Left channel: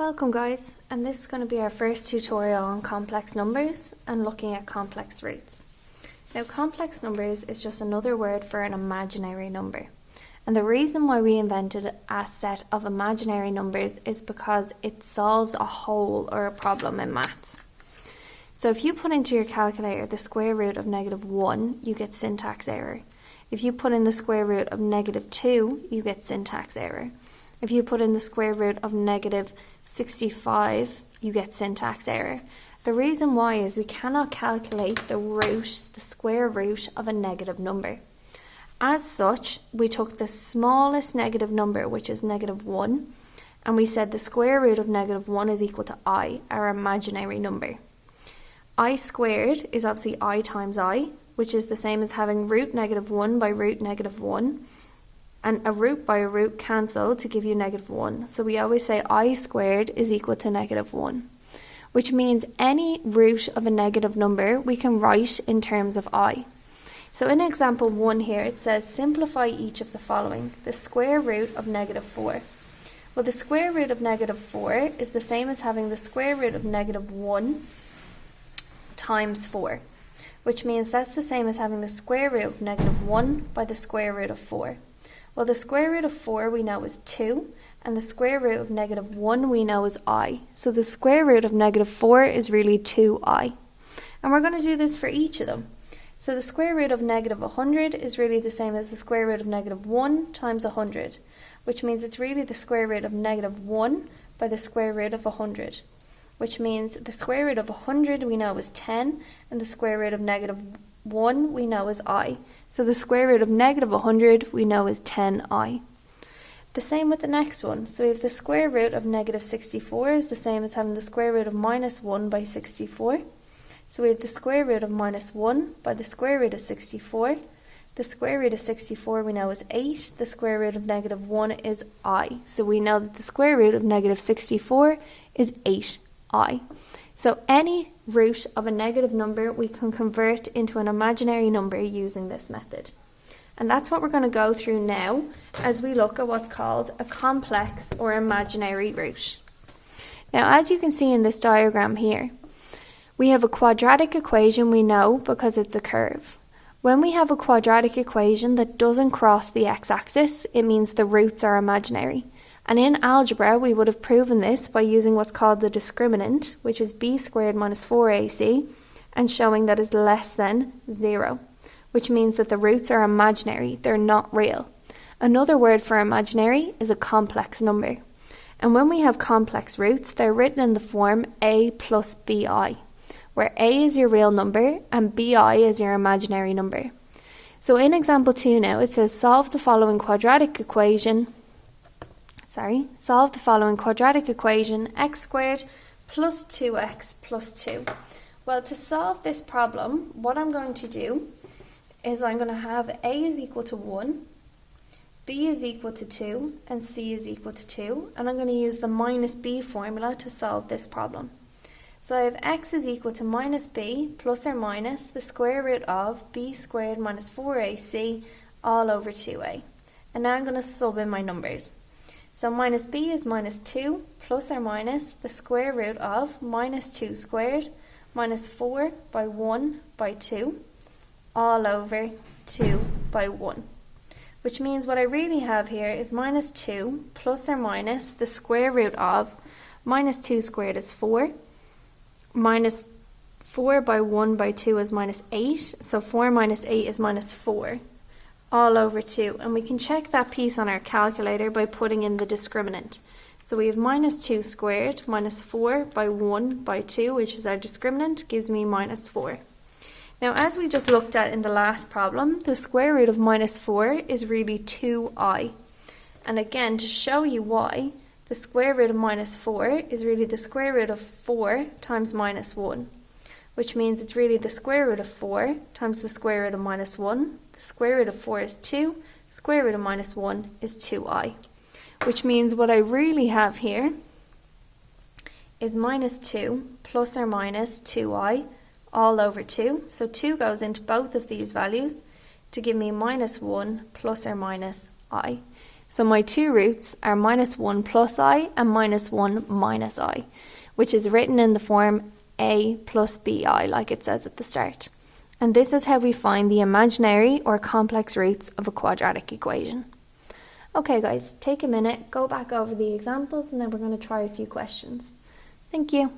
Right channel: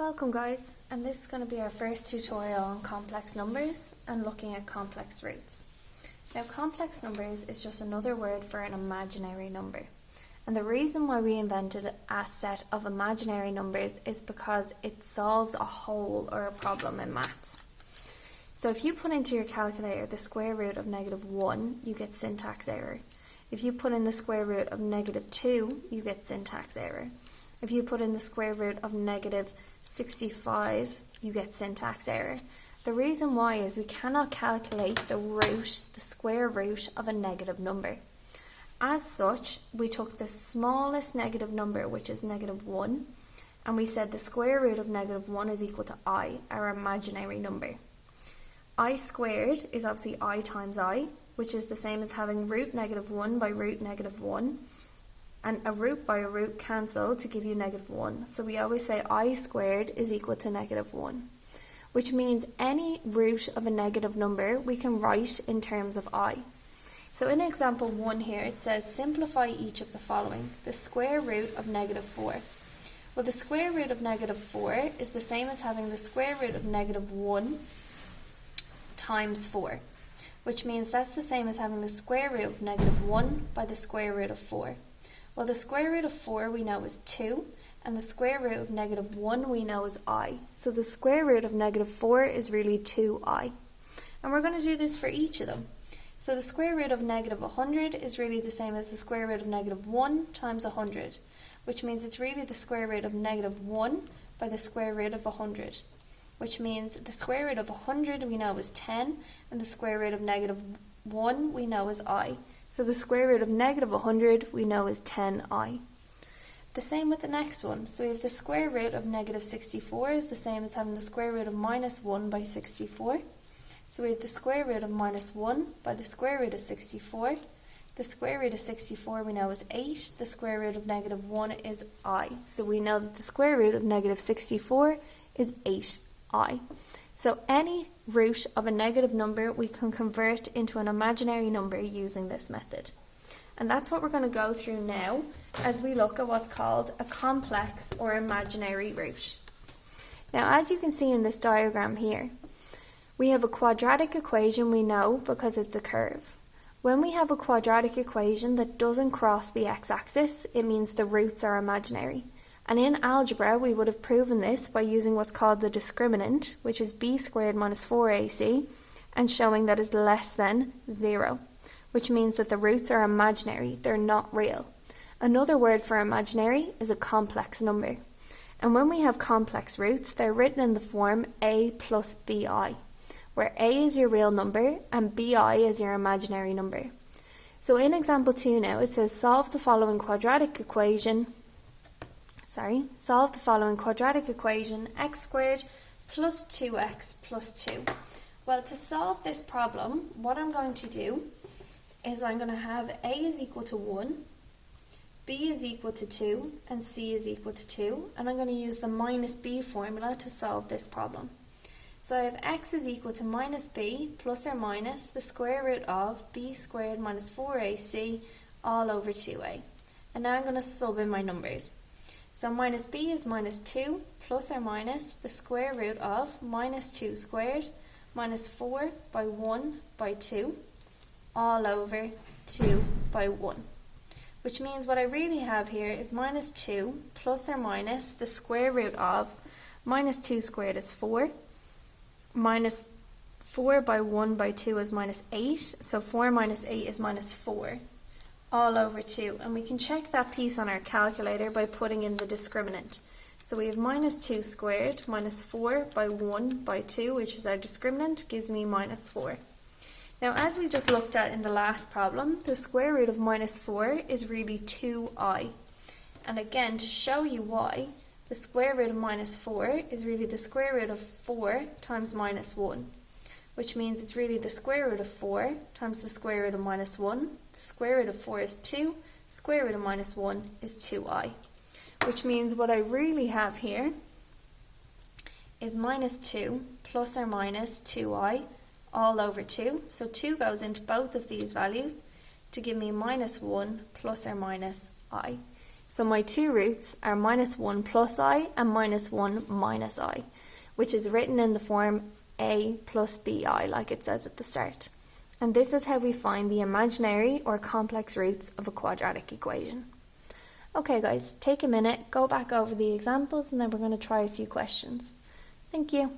Welcome guys, and this is going to be our first tutorial on complex numbers and looking at complex roots. Now complex numbers is just another word for an imaginary number, and the reason why we invented a set of imaginary numbers is because it solves a hole or a problem in maths. So if you put into your calculator the square root of -1, you get syntax error. If you put in the square root of -2, you get syntax error. If you put in the square root of -65, you get syntax error. The reason why is we cannot calculate the square root of a negative number. As such, we took the smallest negative number, which is -1, and we said the square root of -1 is equal to I, our imaginary number. I squared is obviously I times I, which is the same as having root -1 by root -1. And a root by a root cancel to give you -1. So we always say I squared is equal to -1, which means any root of a negative number we can write in terms of I. So in example 1 here, it says simplify each of the following: the square root of -4. Well, the square root of -4 is the same as having the square root of -1 times 4, which means that's the same as having the square root of -1 by the square root of 4. Well, the square root of 4 we know is 2, and the square root of -1 we know is I. So the square root of -4 is really 2I. And we're going to do this for each of them. So the square root of -100 is really the same as the square root of -1 times 100, which means it's really the square root of -1 by the square root of 100, which means the square root of 100 we know is 10, and the square root of -1 we know is I. So the square root of -100 we know is 10I. The same with the next one. So we have the square root of -64 is the same as having the square root of -1 by 64. So we have the square root of -1 by the square root of 64. The square root of 64 we know is 8. The square root of -1 is I. So we know that the square root of -64 is 8I. So any root of a negative number we can convert into an imaginary number using this method. And that's what we're going to go through now as we look at what's called a complex or imaginary root. Now, as you can see in this diagram here, we have a quadratic equation we know because it's a curve. When we have a quadratic equation that doesn't cross the x-axis, it means the roots are imaginary. And in algebra, we would have proven this by using what's called the discriminant, which is b squared minus 4ac, and showing that is less than 0, which means that the roots are imaginary, they're not real. Another word for imaginary is a complex number. And when we have complex roots, they're written in the form a plus bi, where a is your real number and bi is your imaginary number. So in example 2 now, it says solve the following quadratic equation, x squared plus 2x plus 2. Well, to solve this problem, what I'm going to do is I'm going to have a is equal to 1, b is equal to 2, and c is equal to 2. And I'm going to use the minus b formula to solve this problem. So I have x is equal to minus b plus or minus the square root of b squared minus 4ac all over 2a. And now I'm going to sub in my numbers. So minus b is minus 2 plus or minus the square root of minus 2 squared minus 4 by 1 by 2 all over 2 by 1. Which means what I really have here is minus 2 plus or minus the square root of minus 2 squared is 4, minus 4 by 1 by 2 is minus 8, so 4 minus 8 is minus 4. All over 2, and we can check that piece on our calculator by putting in the discriminant. So we have minus 2 squared minus 4 by 1 by 2, which is our discriminant, gives me minus 4. Now, as we just looked at in the last problem, the square root of minus 4 is really 2i. And again, to show you why, the square root of minus 4 is really the square root of 4 times minus 1. Which means it's really the square root of 4 times the square root of minus 1. The square root of 4 is 2, square root of minus 1 is 2i. Which means what I really have here is minus 2 plus or minus 2i all over 2. So 2 goes into both of these values to give me minus 1 plus or minus I. So my two roots are -1 plus I and -1 minus I, which is written in the form a plus bi, like it says at the start. And this is how we find the imaginary or complex roots of a quadratic equation. Okay guys, take a minute, go back over the examples, and then we're going to try a few questions. Thank you.